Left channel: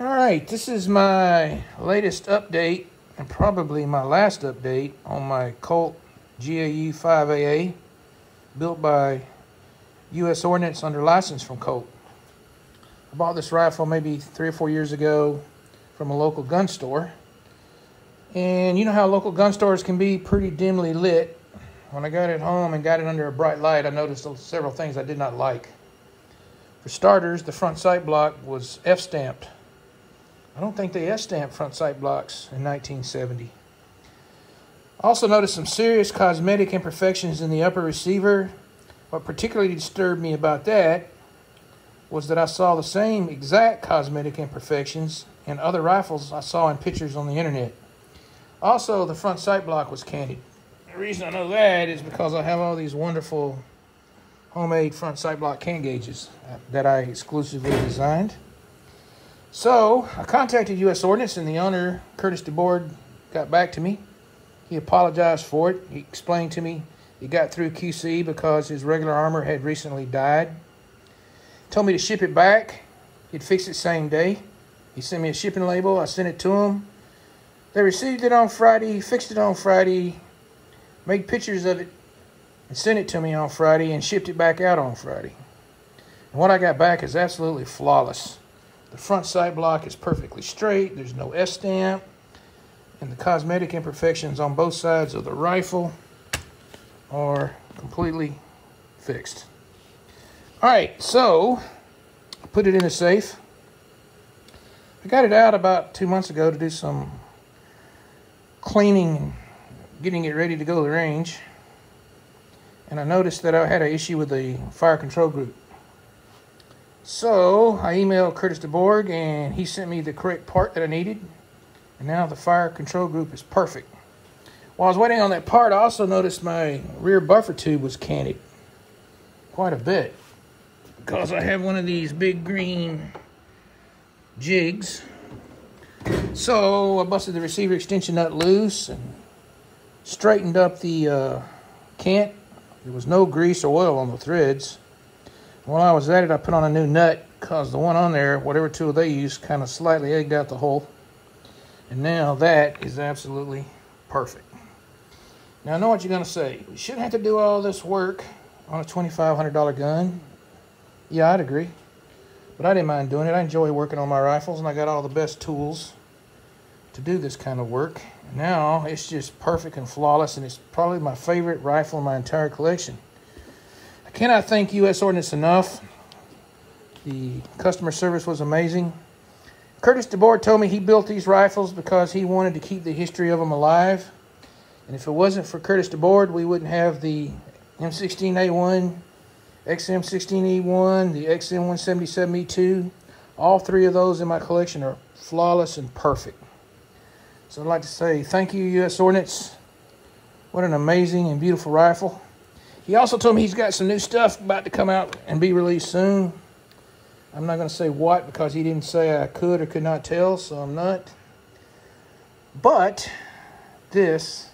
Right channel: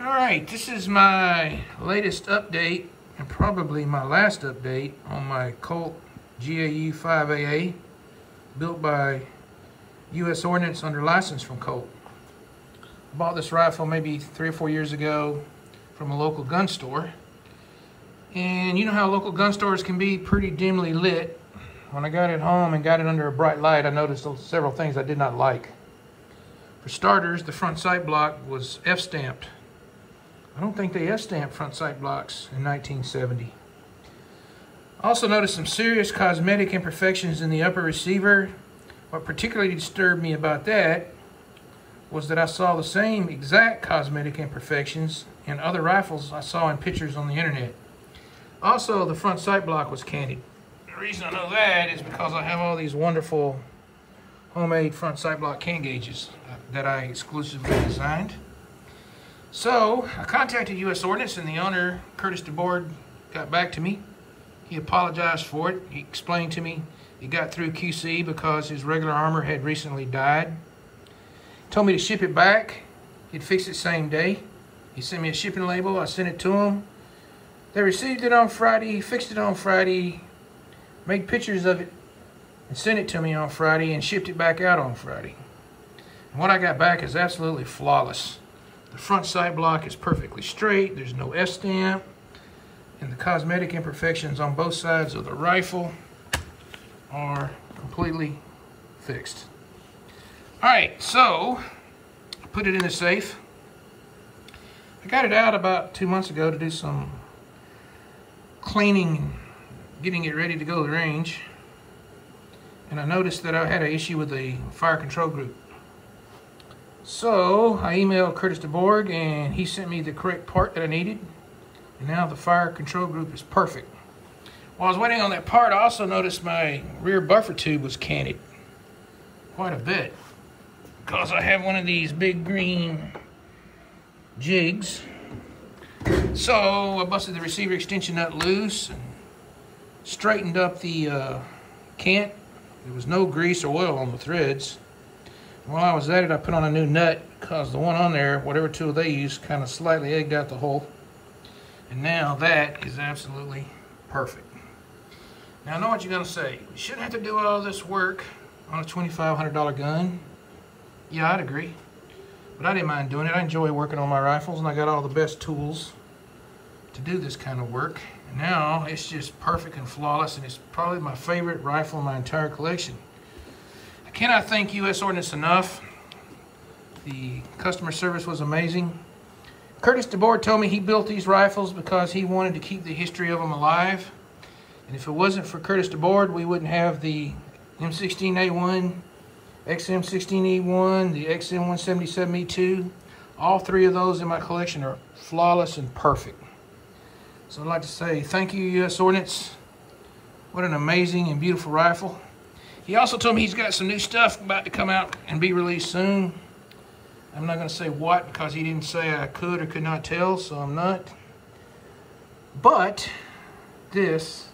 All right, this is my latest update and probably my last update on my Colt GAU 5AA, built by U.S. Ordnance under license from Colt. I bought this rifle maybe 3 or 4 years ago from a local gun store. And you know how local gun stores can be pretty dimly lit. When I got it home and got it under a bright light, I noticed several things I did not like. For starters, the front sight block was F-stamped. I don't think they F-stamped front sight blocks in 1970. I also noticed some serious cosmetic imperfections in the upper receiver. What particularly disturbed me about that was that I saw the same exact cosmetic imperfections in other rifles I saw in pictures on the internet. Also, the front sight block was canted. The reason I know that is because I have all these wonderful homemade front sight block can gauges that I exclusively designed. So I contacted U.S. Ordnance, and the owner, Curtis DeBoard, got back to me. He apologized for it. He explained to me he got through QC because his regular armor had recently died. Told me to ship it back. He'd fix it same day. He sent me a shipping label. I sent it to him. They received it on Friday, fixed it on Friday, made pictures of it, and sent it to me on Friday, and shipped it back out on Friday. And what I got back is absolutely flawless. The front sight block is perfectly straight. There's no S-stamp. And the cosmetic imperfections on both sides of the rifle are completely fixed. All right, so I put it in a safe. I got it out about 2 months ago to do some cleaning and getting it ready to go to the range. And I noticed that I had an issue with the fire control group. So I emailed Curtis DeBoard, and he sent me the correct part that I needed. And now the fire control group is perfect. While I was waiting on that part, I also noticed my rear buffer tube was canted quite a bit, because I have one of these big green jigs. So I busted the receiver extension nut loose and straightened up the cant. There was no grease or oil on the threads. While I was at it, I put on a new nut because the one on there, whatever tool they used, kind of slightly egged out the hole. And now that is absolutely perfect. Now I know what you're going to say. You shouldn't have to do all this work on a $2,500 gun. Yeah, I'd agree. But I didn't mind doing it. I enjoy working on my rifles, and I got all the best tools to do this kind of work. And now it's just perfect and flawless, and it's probably my favorite rifle in my entire collection. I cannot thank U.S. Ordnance enough. The customer service was amazing. Curtis DeBoard told me he built these rifles because he wanted to keep the history of them alive. And if it wasn't for Curtis DeBoard, we wouldn't have the M16A1, XM16E1, the XM177E2. All three of those in my collection are flawless and perfect. So I'd like to say thank you, U.S. Ordnance. What an amazing and beautiful rifle. He also told me he's got some new stuff about to come out and be released soon. I'm not going to say what, because he didn't say I could or could not tell, so I'm not. But this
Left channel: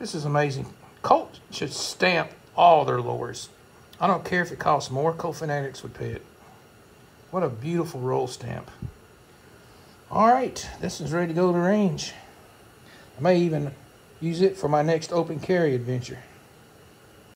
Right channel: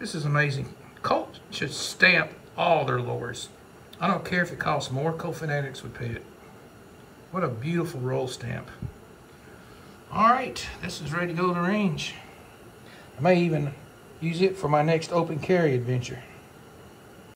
is amazing. Colt should stamp all their lures. I don't care if it costs more. Colt fanatics would pay it. What a beautiful roll stamp. All right, this is ready to go to the range. I may even use it for my next open carry adventure.